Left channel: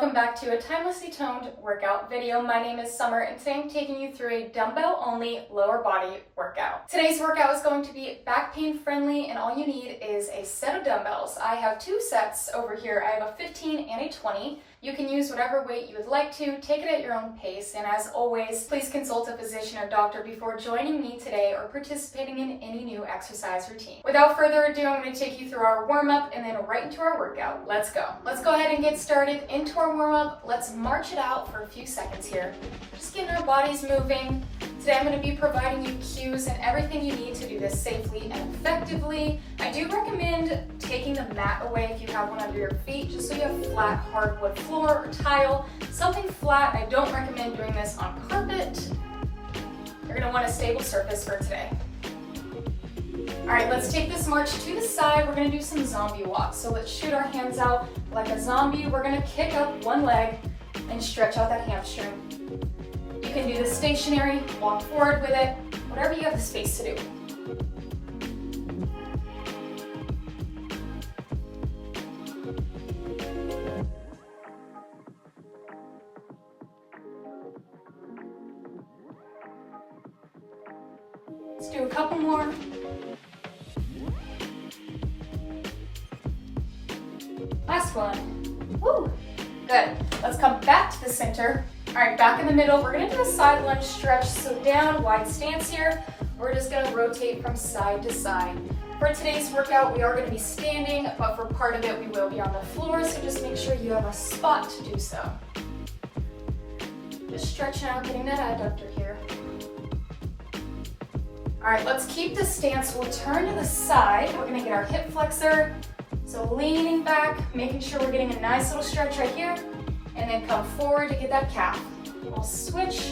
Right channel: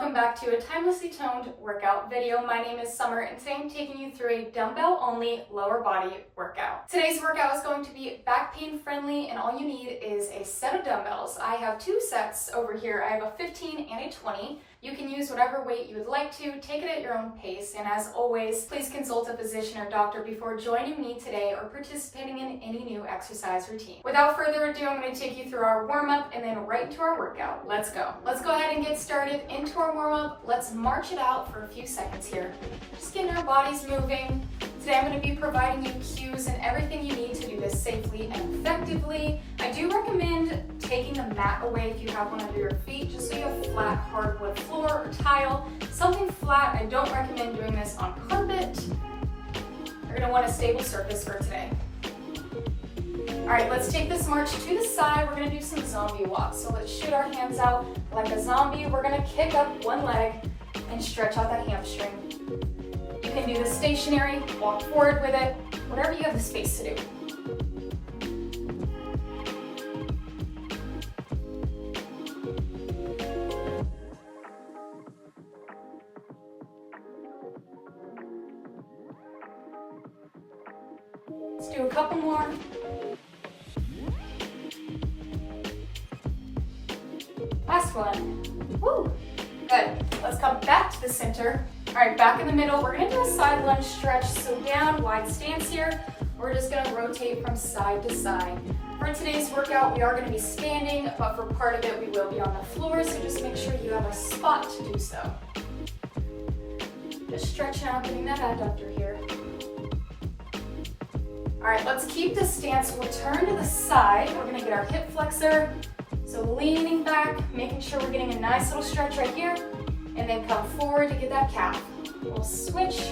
welcome back to a timelessly toned workout video. My name is Summer and today I'm taking you through a dumbbell only lower body workout. Today's workout is going to be back pain friendly and all you need is a set of dumbbells. I have two sets over here. I have a 15 and a 20. You can use whatever weight you would like to, take it at your own pace, and as always, please consult a physician or doctor before joining me today or participating in any new exercise routine. Without further ado, I'm going to take you through our warm-up and then right into our workout. Let's go. Let's go ahead and get started into our warm-up. Let's march it out for a few seconds here. Just getting our bodies moving. Today I'm going to be providing you cues and everything you need to do this safely and effectively. I do recommend taking the mat away if you have one under your feet, just so you have flat hardwood floor or tile. Something flat. I don't recommend doing this on carpet. You're going to want a stable surface for today. Alright, let's take this march to the side. We're going to do some zombie walks. So let's shoot our hands out like a zombie. We're going to kick up one leg and stretch out that hamstring. You can do this stationary, walk forward with it, whatever you have the space to do. Let's do a couple more. Last one. Woo! Good. Let's come back to the center. All right, back in the middle. We're gonna do a side lunge stretch. So down, wide stance here. We're just gonna rotate from side to side. For today's workout, we are gonna be standing, but for part of it, we will be on the floor. So just make sure you have a spot to do so. Just stretching out, getting that adductor here. All right, let's keep this stance. We'll turn to the side. We're gonna get our hip flexor. So leaning back, making sure we're getting a nice little stretch right here, and then come forward to get that calf. We'll switch.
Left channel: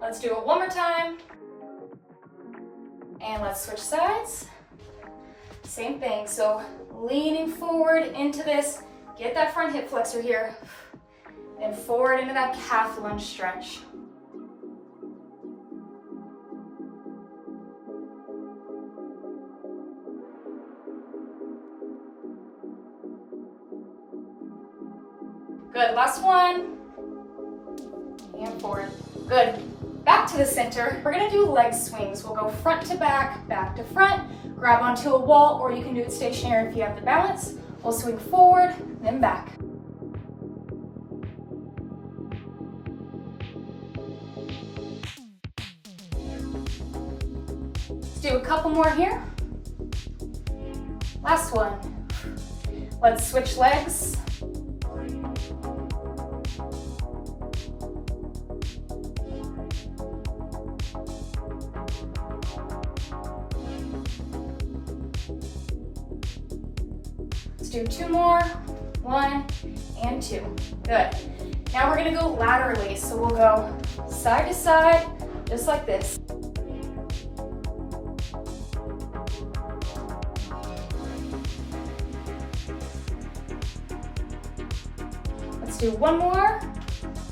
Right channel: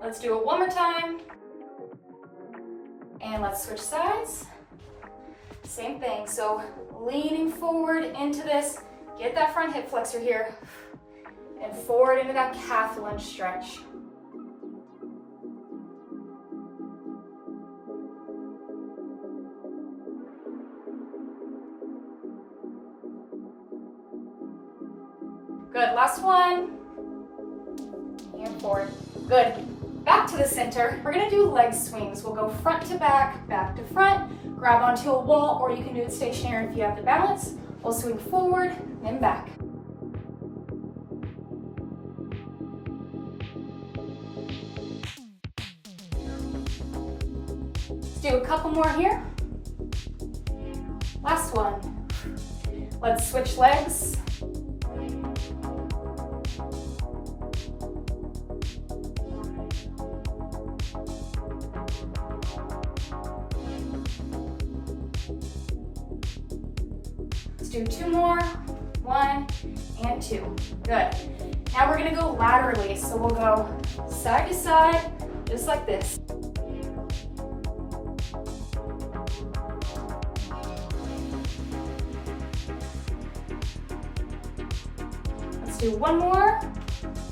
Let's do it one more time. And let's switch sides. Same thing, so leaning forward into this, get that front hip flexor here, and forward into that calf lunge stretch. Good, last one. And forward. Good. Back to the center. We're gonna do leg swings. We'll go front to back to front, grab onto a wall, or you can do it stationary if you have the balance. We'll swing forward, then back. Let's do a couple more here. Last one. Let's switch legs. Do two more, one and two. Good. Now we're gonna go laterally. So we'll go side to side, just like this. Let's do one more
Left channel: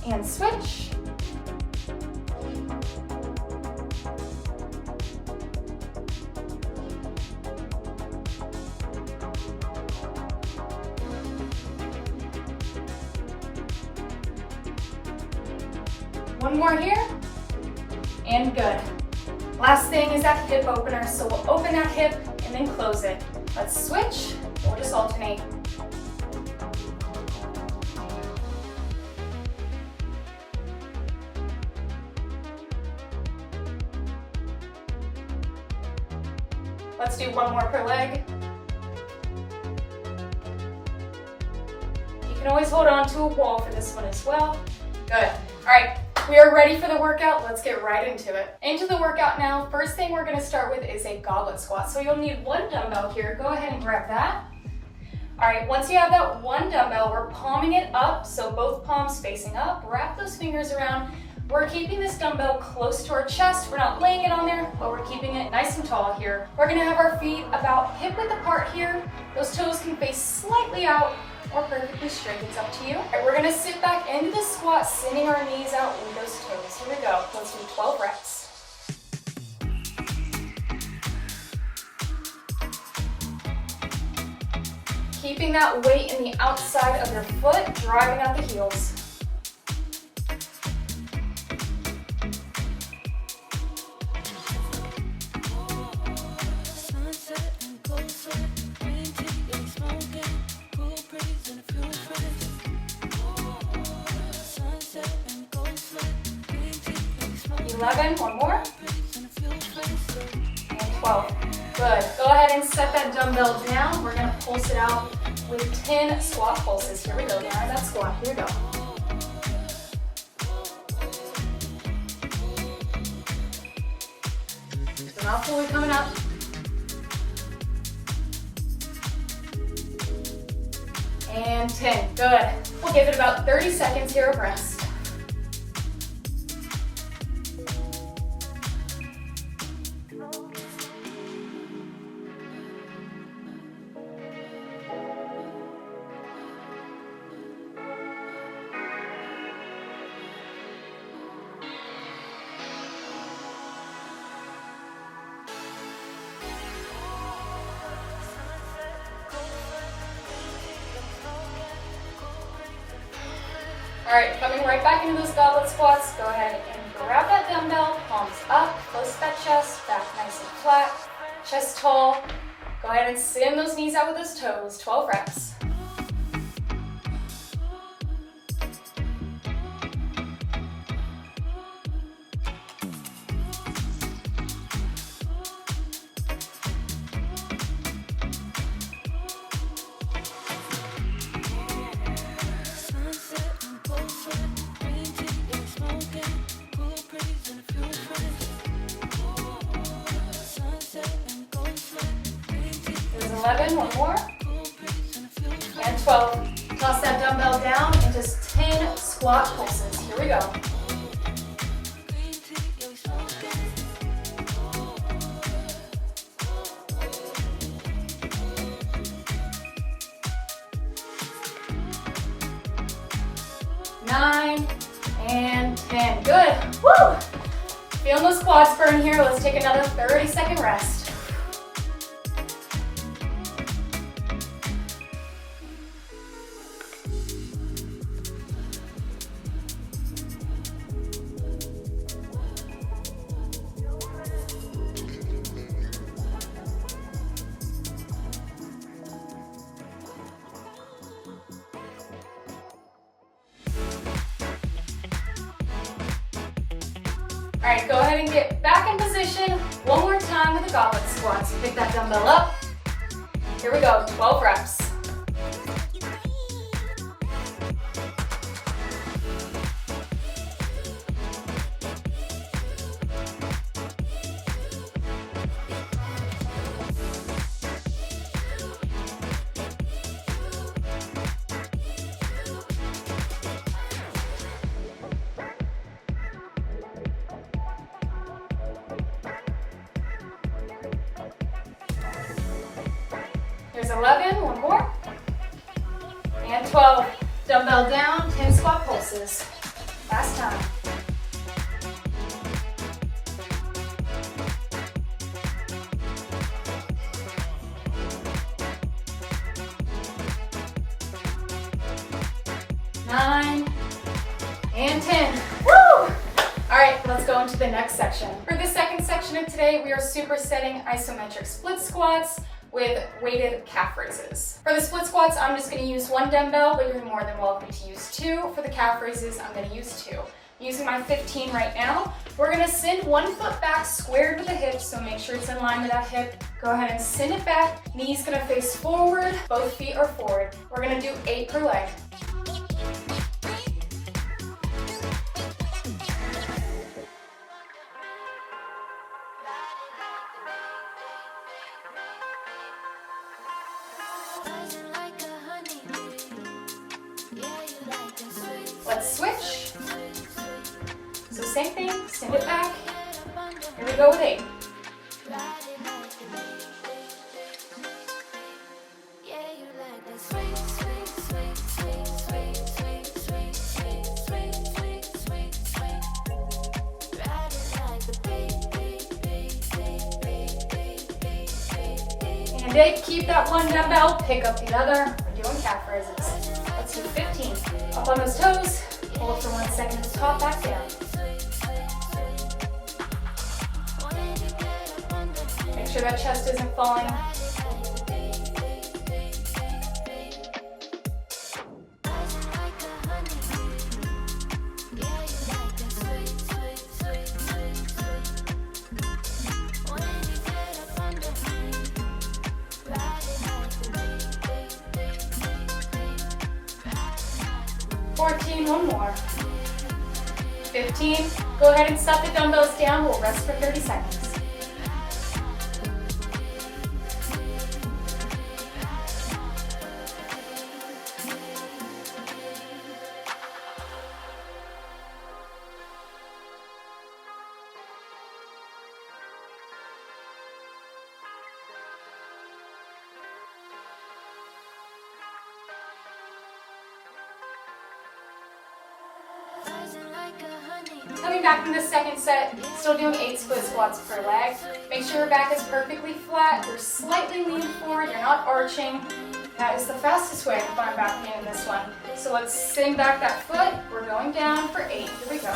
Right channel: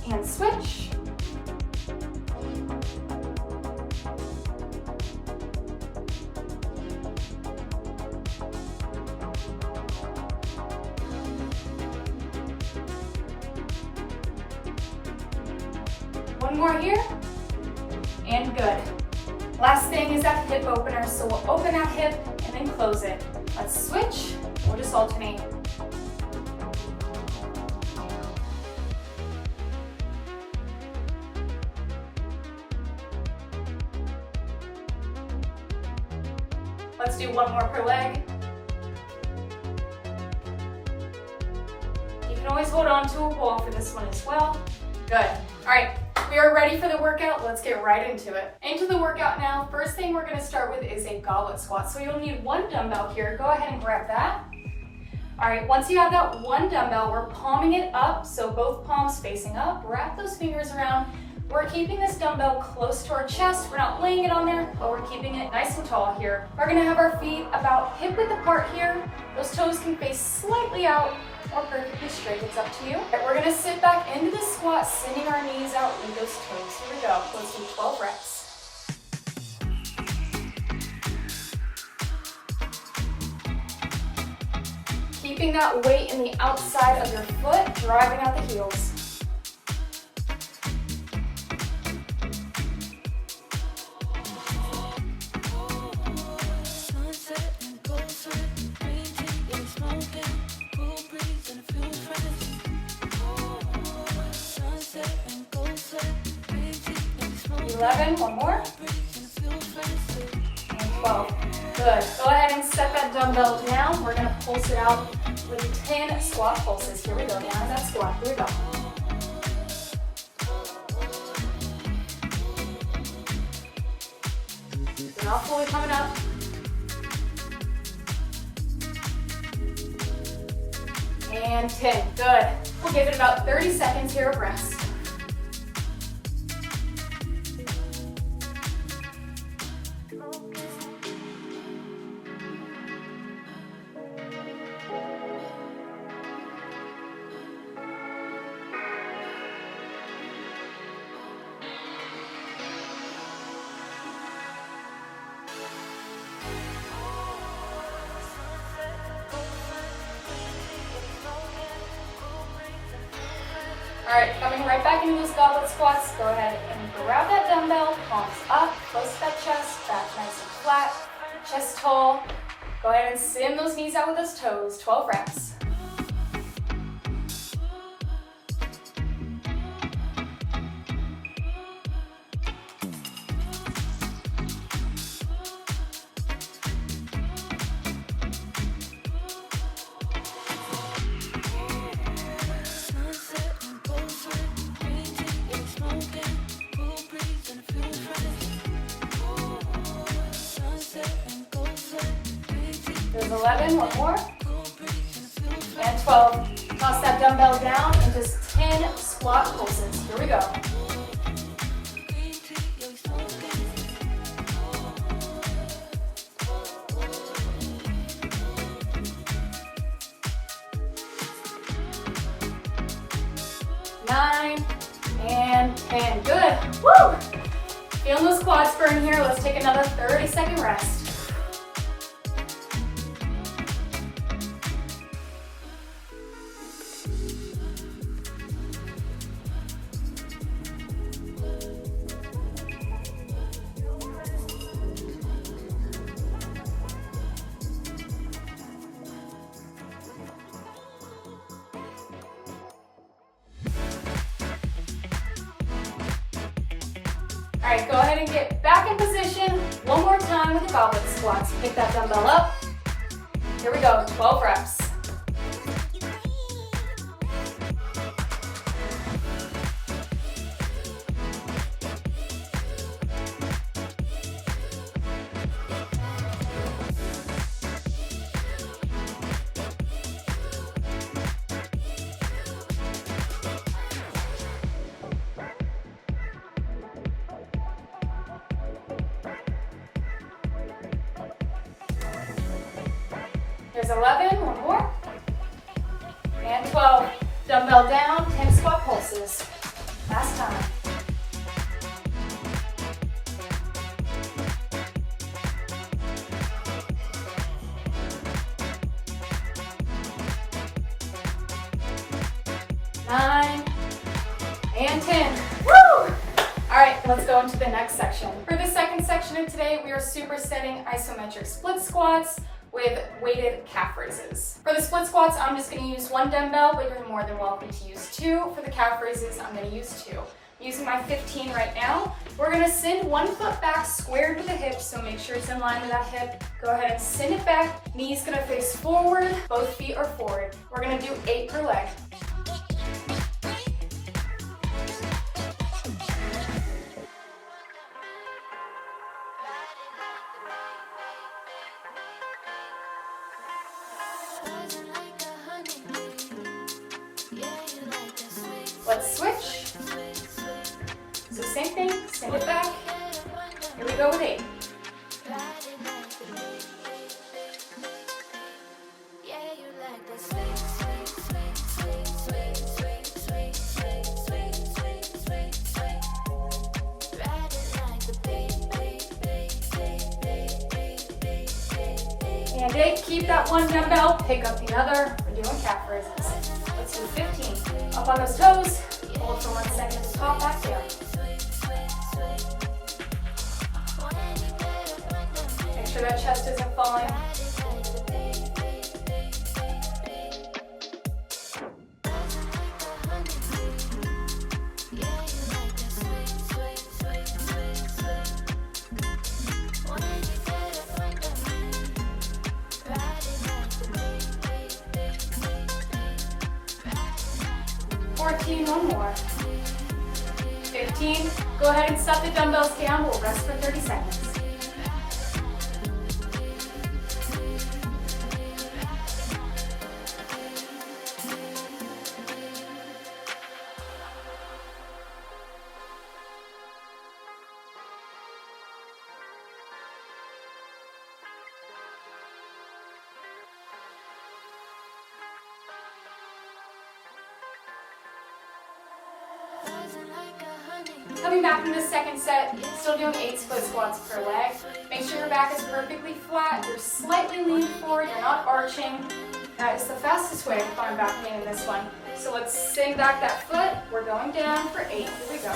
and switch. One more here, and good. Last thing is that hip opener, so we'll open that hip and then close it. Let's switch, we'll just alternate. Let's do one more per leg. You can always hold on to a wall for this one as well. Good. All right, we are ready for the workout. Let's get right into it. Into the workout now. First thing we're gonna start with is a goblet squat. So you'll need one dumbbell here. Go ahead and grab that. All right, once you have that one dumbbell, we're palming it up. So both palms facing up. Wrap those fingers around. We're keeping this dumbbell close to our chest. We're not laying it on there, but we're keeping it nice and tall here. We're gonna have our feet about hip width apart here. Those toes can face slightly out or perfectly straight, it's up to you. All right, we're gonna sit back into the squat, sending our knees out with those toes. Here we go, let's do 12 reps. keeping that weight in the outside of your foot, driving out the heels. Smoking, cool breeze and a few friends. Sunset and gold sweat, green tea, maybe smoking. 11, one more. And 12. Good. Go ahead and set that dumbbell down. We're going to pulse it out with 10 squat pulses. Here we go. Behind that squat. Here we go. So not fully coming up. And 10. Good. We'll give it about 30 seconds here of rest. All right, coming right back into those goblet squats, go ahead and grab that dumbbell, palms up, close to that chest, back nice and flat, chest tall. Go ahead and send those knees out with those toes, 12 reps. There's 11, one more, and 12. Toss that dumbbell down and just 10 squat pulses. Here we go. Nine and 10. Good. Woo! Feeling those quads burn here. Let's take another 30-second rest. All right, go ahead and get back in position one more time with the goblet squats. Pick that dumbbell up. Here we go, 12 reps. There's 11, one more, and 12. Dumbbell down, 10 squat pulses. Last time. Nine, and 10. Woo! All right, let's go into the next section. For the second section of today, we are supersetting isometric split squats with weighted calf raises. For the split squats, I'm just going to use one dumbbell, but you're more than welcome to use two. For the calf raises, I'm going to use two. I'm using my 15 right now. We're going to send one foot back squared to the hip, so make sure it's in line with that hip. Go ahead and send it back. Knees going to face forward, both feet are forward. We're going to do 8 per leg. Let's switch. So same thing, send it back. Here we go with 8. and 8. Keep that one dumbbell, pick up the other. We're doing calf raises. Let's do 15. Up on those toes, hold for 1 second at the top, back down. Make sure that chest isn't falling. One more. 15. Go ahead and set the dumbbells down. We'll rest for 30 seconds. Coming back from the second set, still doing 8 split squats per leg. Make sure your back is perfectly flat. You're slightly leaning forward, you're not arching. That is the fastest way of going back in this one. So let's sink back that foot. We're going down for 8. Here we go.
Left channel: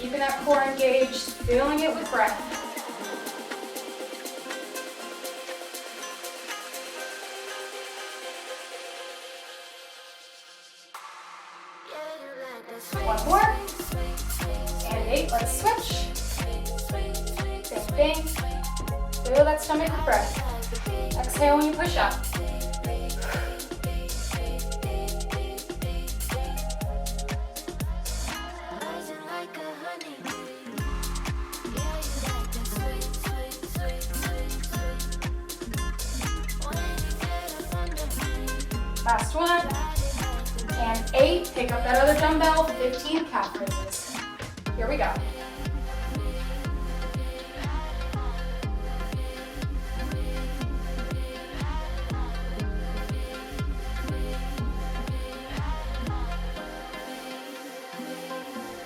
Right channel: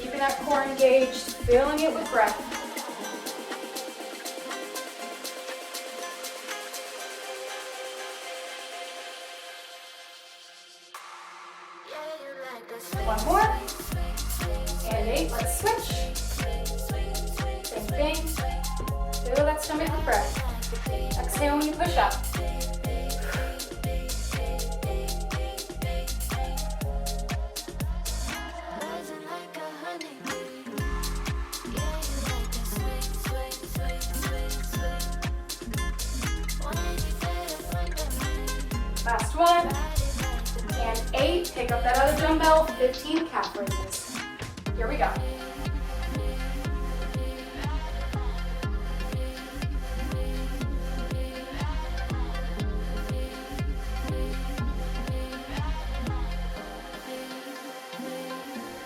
Keeping that core engaged, filling it with breath. One more. And 8. Let's switch. Same thing. Fill that stomach with breath. Exhale when you push up. Last one. And 8, pick up that other dumbbell, 15 calf raises. Here we go.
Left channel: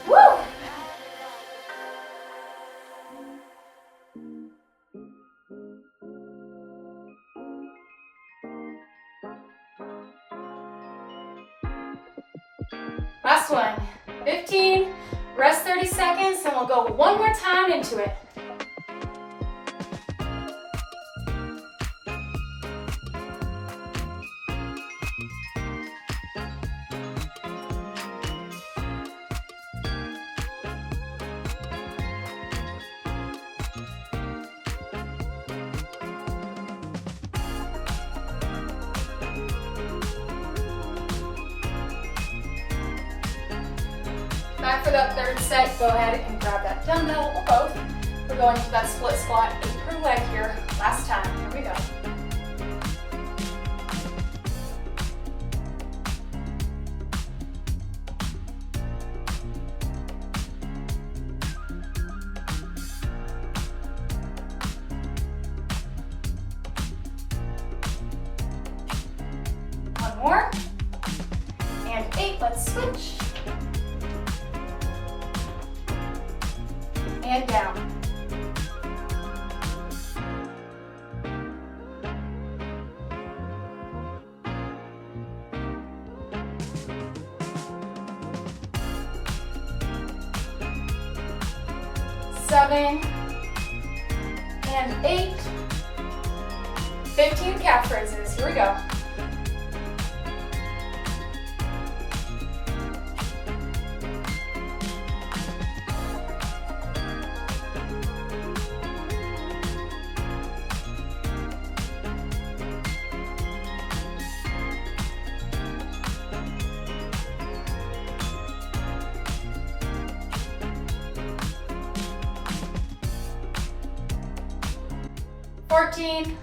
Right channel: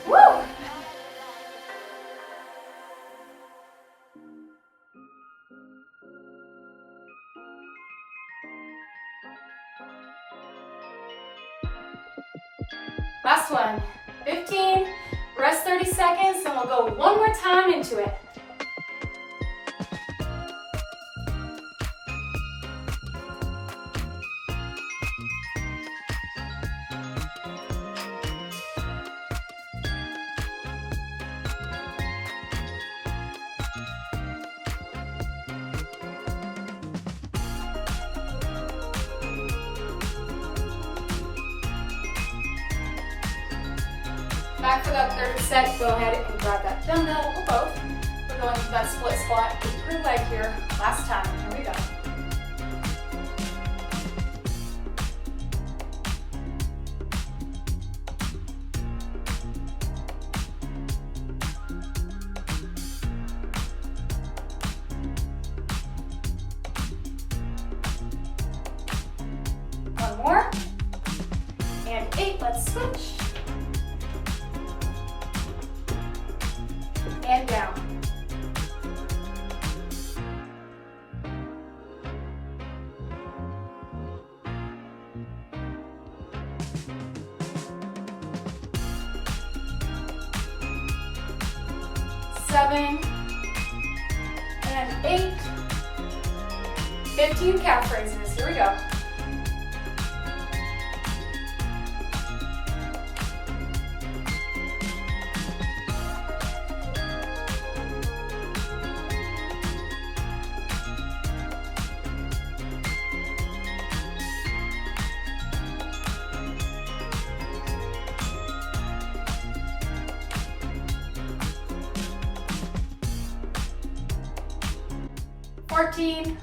Woo! Last one, 15, rest 30 seconds, and we'll go one more time into it. Back for that third set, go ahead and grab that dumbbell or both. We're going to that split squat per leg here. Last time, here we go. One more. And 8, let's switch. And down. Seven and 8. 15 calf raises. Here we go. $14,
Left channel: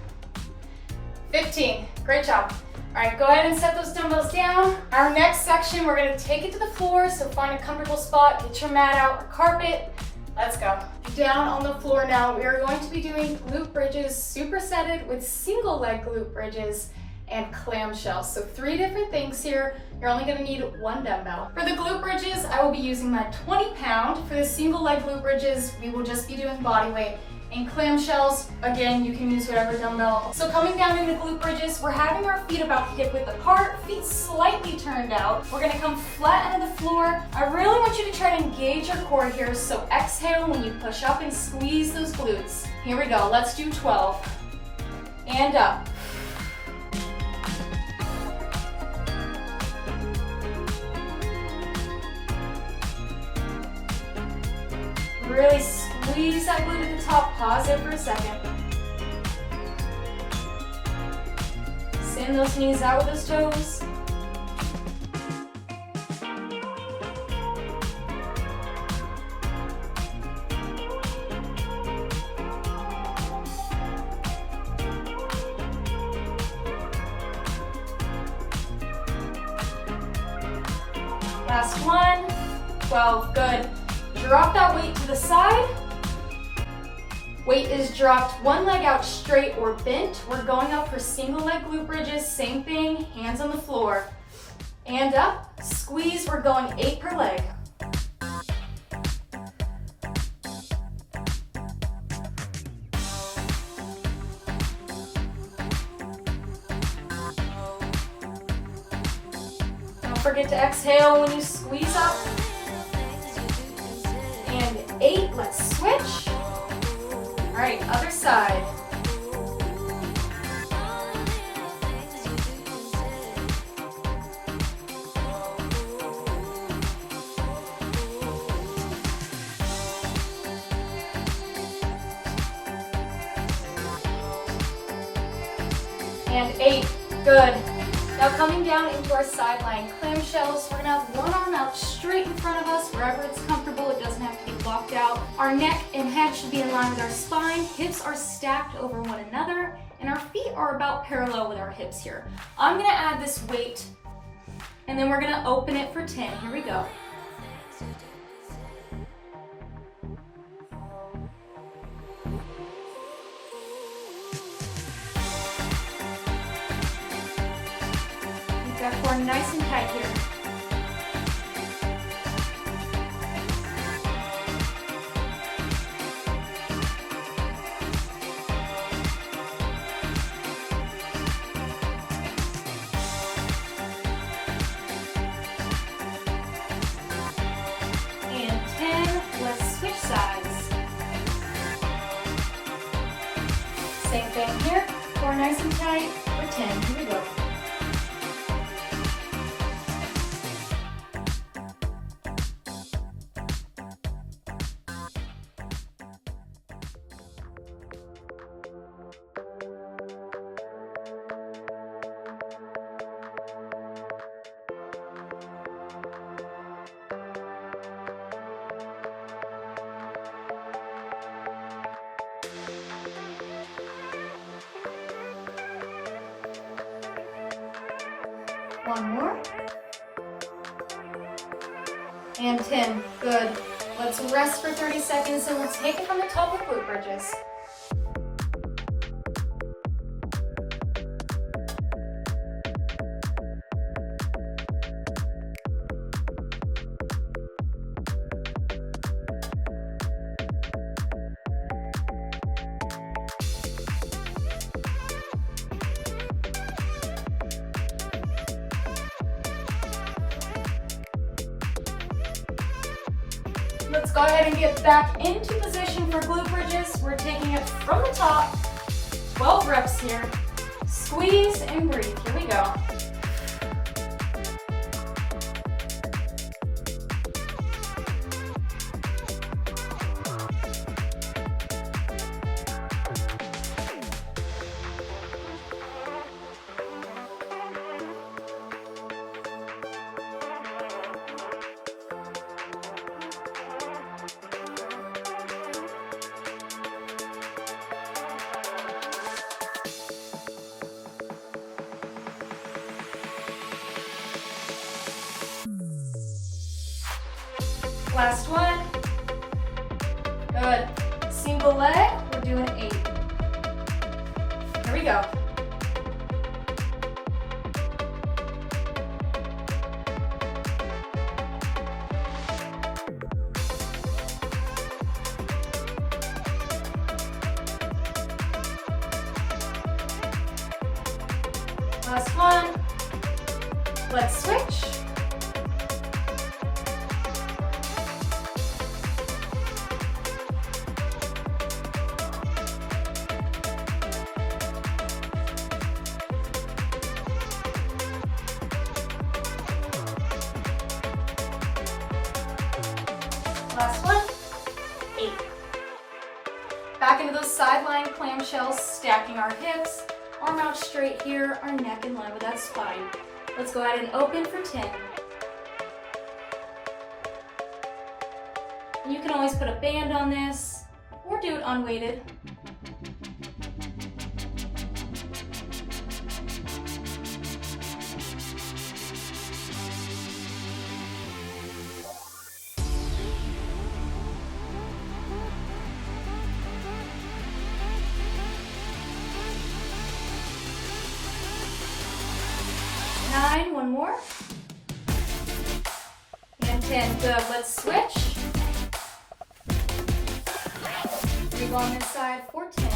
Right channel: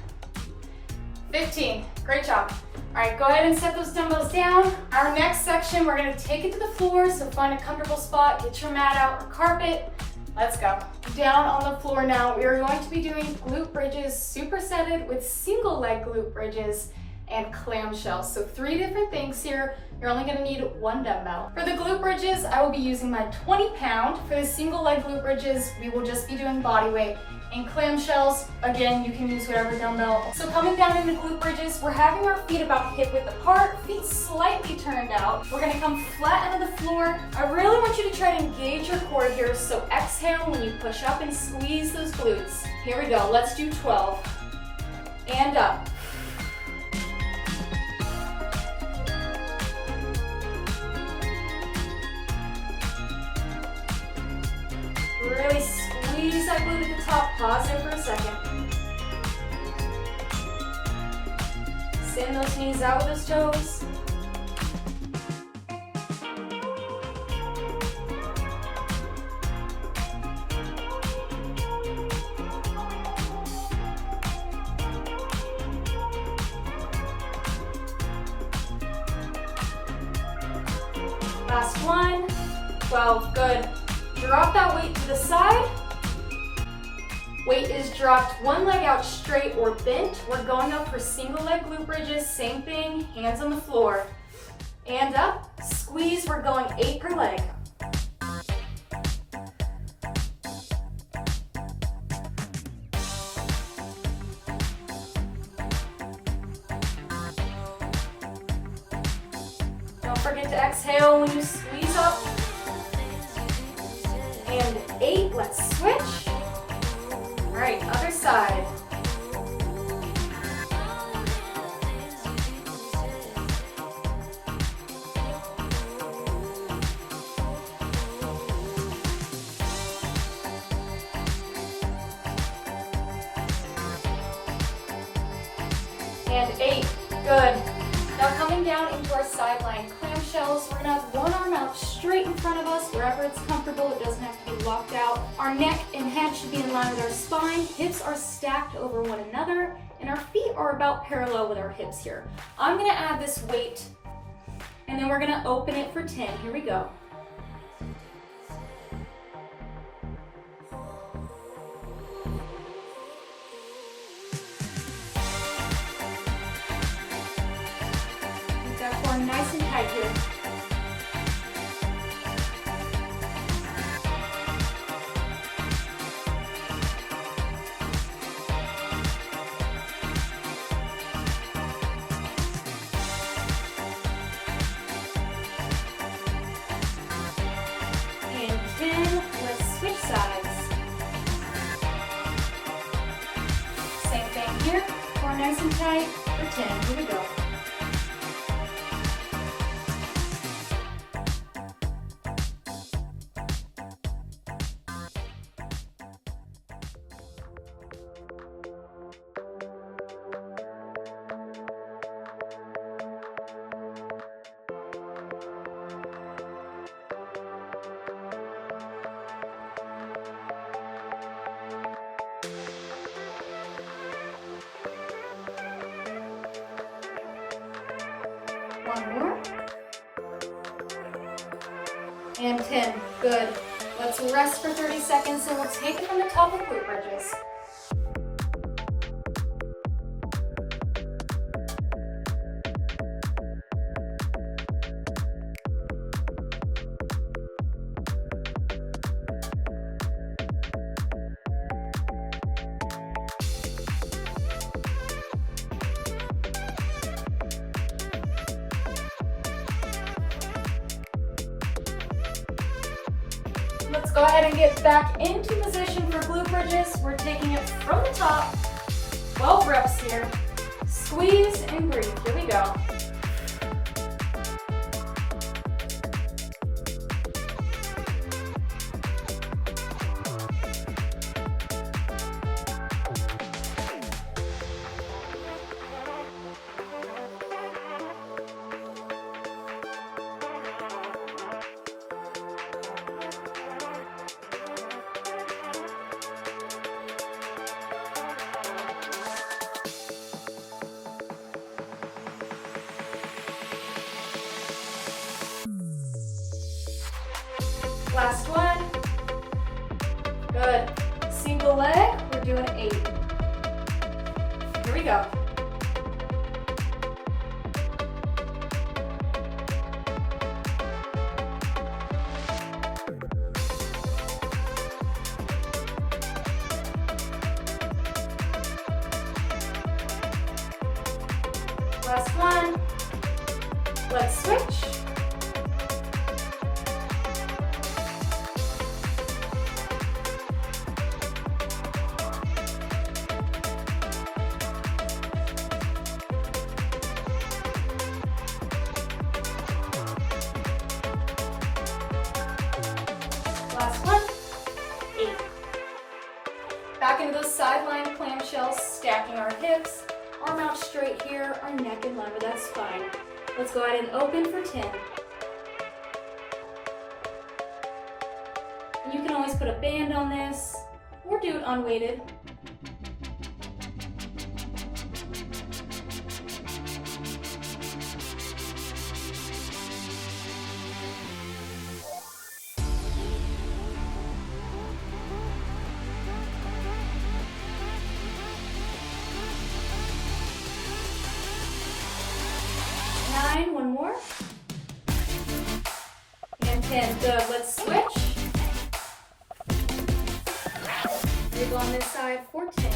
$15. Great job. All right, go ahead and set those dumbbells down. Our next section, we're gonna take it to the floor, so find a comfortable spot, get your mat out or carpet. Let's go. Down on the floor now, we are going to be doing glute bridges supersetted with single leg glute bridges and clamshells. So 3 different things here. You're only gonna need 1 dumbbell. For the glute bridges, I will be using my 20-pound. For the single leg glute bridges, we will just be doing body weight. And clamshells, again, you can use whatever dumbbell. So coming down in the glute bridges, we're having our feet about hip width apart, feet slightly turned out. We're gonna come flat onto the floor. I really want you to try to engage your core here, so exhale when you push up and squeeze those glutes. Here we go, let's do 12. And up. Really squeeze that glute at the top. Pause there for a second. Send those knees out with those toes. Last one. 12, good. Drop that weight to the side. Weight is dropped, one leg out straight or bent. We're going up for single leg glute bridges, same thing, hands on the floor. And up, squeeze, we're going 8 per leg. Don't forget to exhale when you squeeze up. And 8, let's switch. All right, other side. And 8, good. Now coming down into our side lying clamshells, we're gonna have one arm out straight in front of us, wherever it's comfortable. It doesn't have to be locked out. Our neck and head should be in line with our spine. Hips are stacked over one another, and our feet are about parallel with our hips here. I'm gonna add this weight, and then we're gonna open it for 10. Here we go. Nice and tight here. And 10, let's switch sides. Same thing here, core nice and tight for 10, here we go. One more. And 10, good. Let's rest for 30 seconds and let's take it from the top of glute bridges. Let's go ahead and get back into position for glute bridges. We're taking it from the top, 12 reps here. Squeeze and breathe, here we go. Last one. Good. Single leg, we're doing 8. Here we go. Let's switch. Last one, 8. Back into those sideline clamshells, stacking our hips, arm out straight here, our neck in line with that spine. Let's go ahead and open for 10. You can always put a band on this, or do it unweighted. One more. And 10. Good. Let's switch. We go on this side for 10.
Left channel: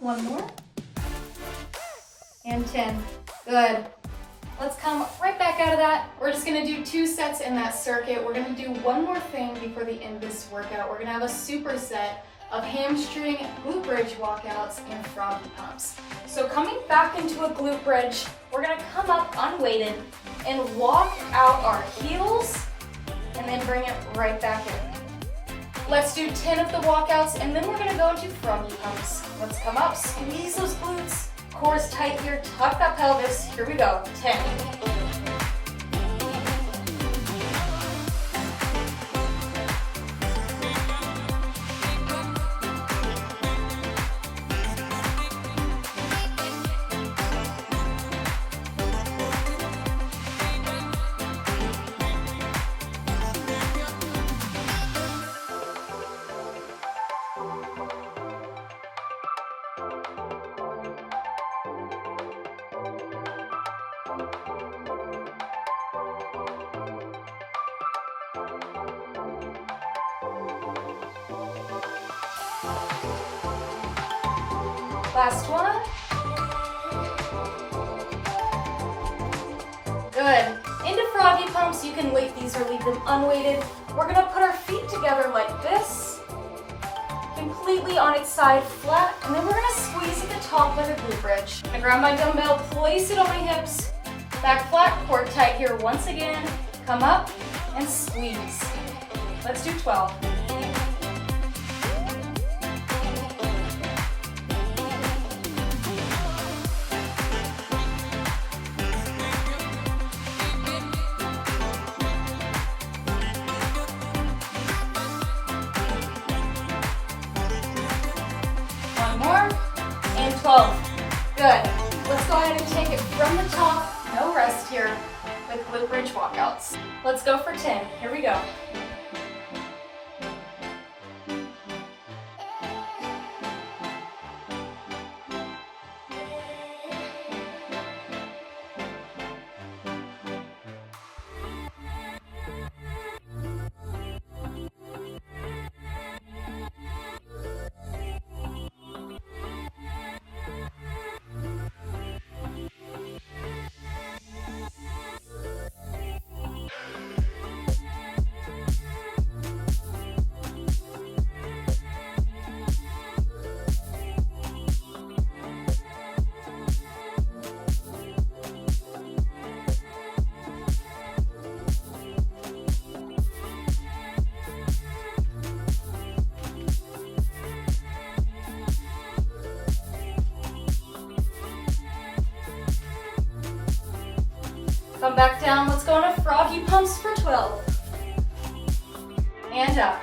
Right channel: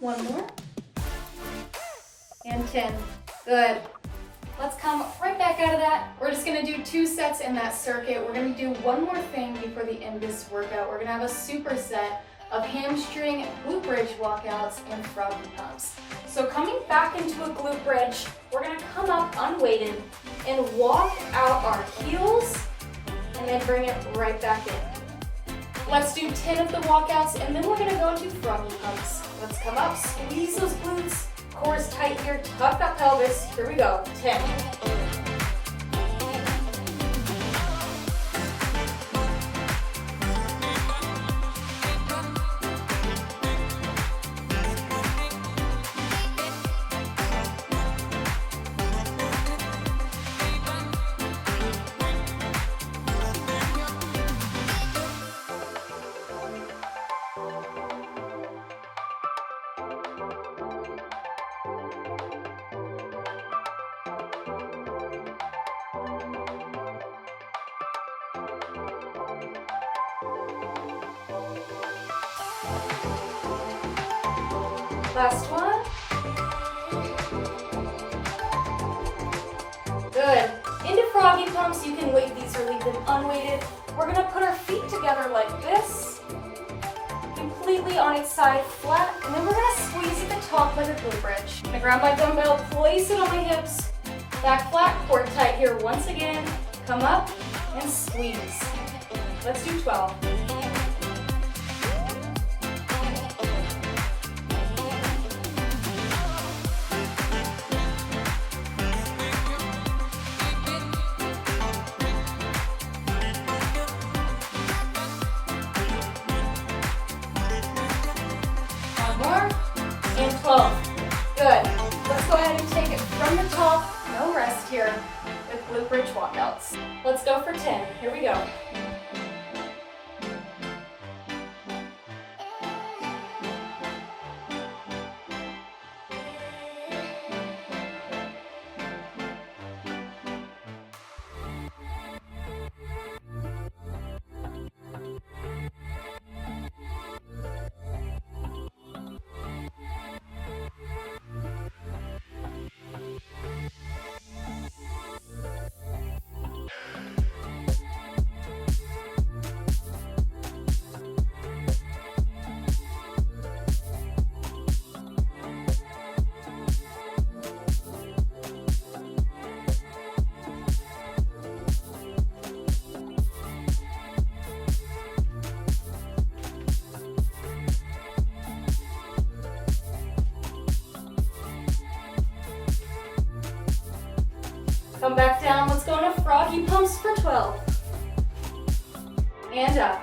One more. And 10. Good. Let's come right back out of that. We're just gonna do 2 sets in that circuit. We're gonna do one more thing before the end of this workout. We're gonna have a superset of hamstring, glute bridge walkouts, and froggy pumps. So coming back into a glute bridge, we're gonna come up unweighted and walk out our heels and then bring it right back in. Let's do 10 of the walkouts, and then we're gonna go into froggy pumps. Let's come up, squeeze those glutes, core's tight here, tuck that pelvis. Here we go, 10. Last one. Good. Into froggy pumps, you can weight these or leave them unweighted. We're gonna put our feet together like this, completely on its side flat, and then we're gonna squeeze at the top like a glute bridge. I'm gonna grab my dumbbell, place it on my hips, back flat, core tight here once again, come up and squeeze. Let's do 12. And 12. Good. Let's go ahead and take it from the top. No rest here with glute bridge walkouts. Let's go for 10. Here we go. Come back down. Let's go on a froggy pumps for 12. And up.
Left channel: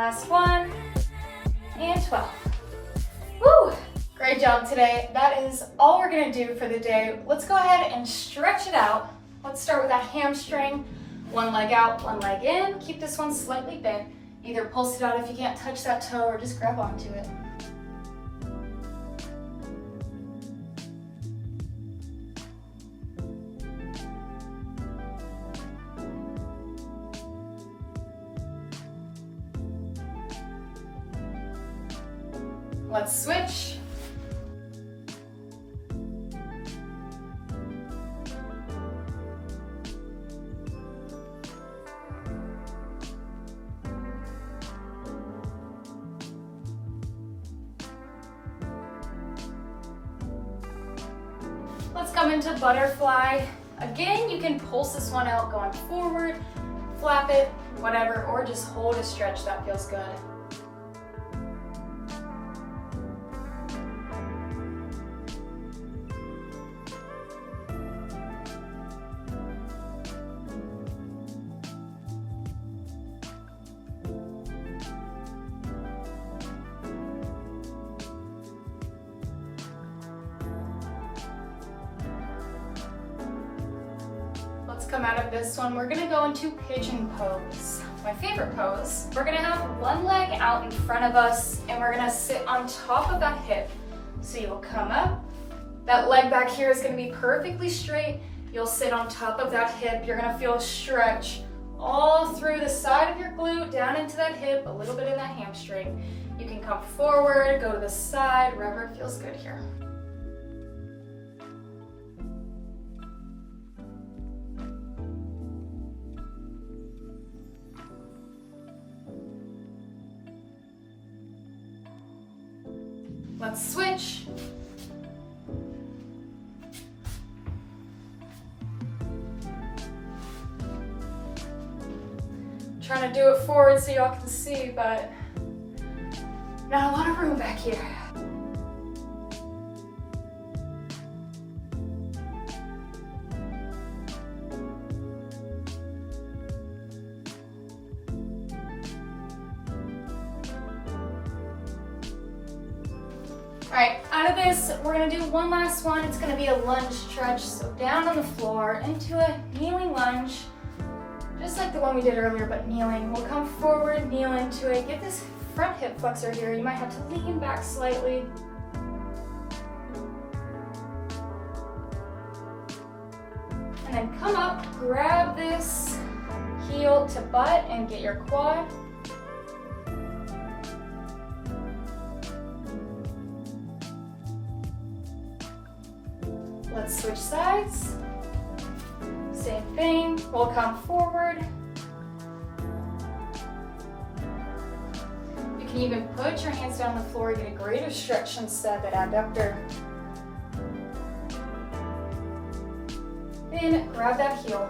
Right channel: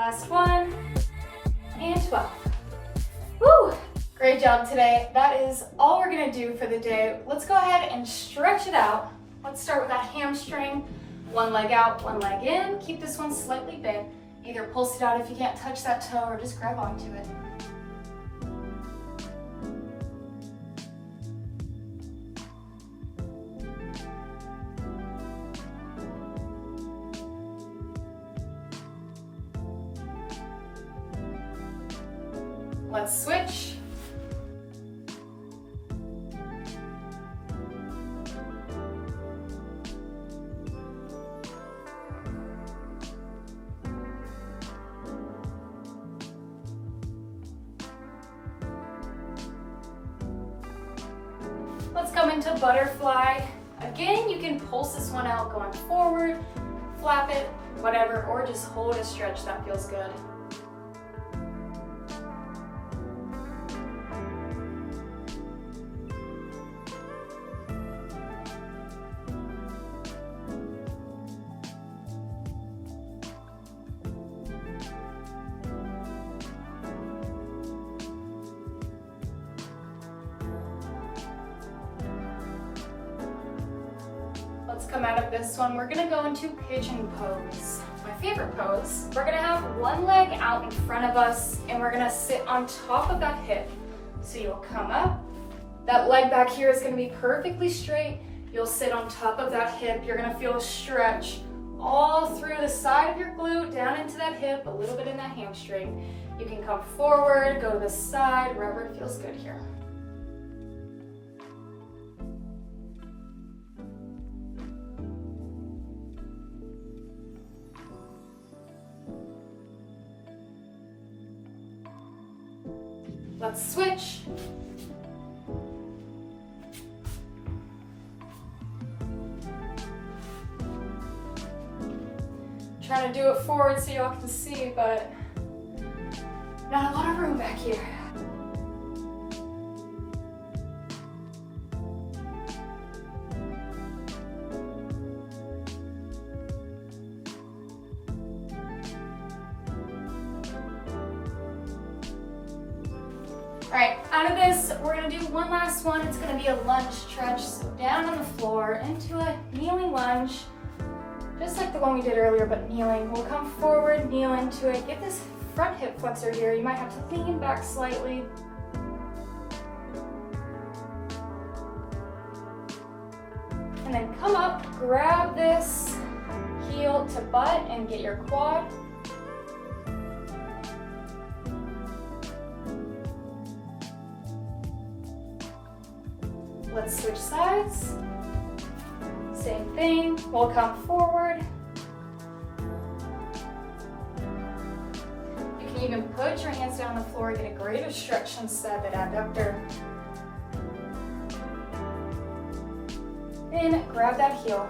Last one, and 12. Woo! Great job today. That is all we're gonna do for the day. Let's go ahead and stretch it out. Let's start with that hamstring. One leg out, one leg in. Keep this one slightly bent. Either pulse it out if you can't touch that toe or just grab onto it. Let's switch. Let's come into butterfly. Again, you can pulse this one out going forward, flap it, whatever, or just hold a stretch that feels good. Let's come out of this one. We're gonna go into pigeon pose. My favorite pose. We're gonna have one leg out in front of us and we're gonna sit on top of that hip. So you'll come up. That leg back here is gonna be perfectly straight. You'll sit on top of that hip. You're gonna feel a stretch all through the side of your glute, down into that hip, a little bit in that hamstring. You can come forward, go to the side, wherever it feels good here. Let's switch. Trying to do it forward so y'all can see, but not a lot of room back here. All right, out of this, we're gonna do one last one. It's gonna be a lunge stretch. So down on the floor into a kneeling lunge, just like the one we did earlier, but kneeling. We'll come forward, kneel into it. Get this front hip flexor here. You might have to lean back slightly. And then come up, grab this heel to butt and get your quad. Let's switch sides. Same thing, we'll come forward. You can even put your hands down on the floor, get a greater stretch inside that abductor. Then grab that heel.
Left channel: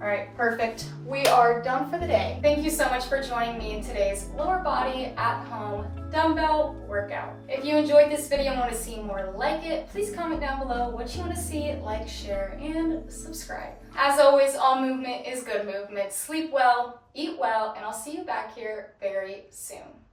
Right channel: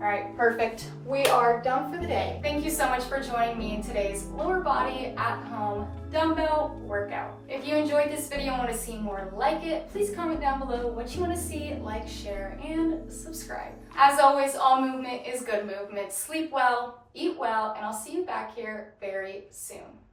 All right, perfect. We are done for the day. Thank you so much for joining me in today's lower body at home dumbbell workout. If you enjoyed this video and want to see more like it, please comment down below what you want to see, like, share, and subscribe. As always, all movement is good movement. Sleep well, eat well, and I'll see you back here very soon.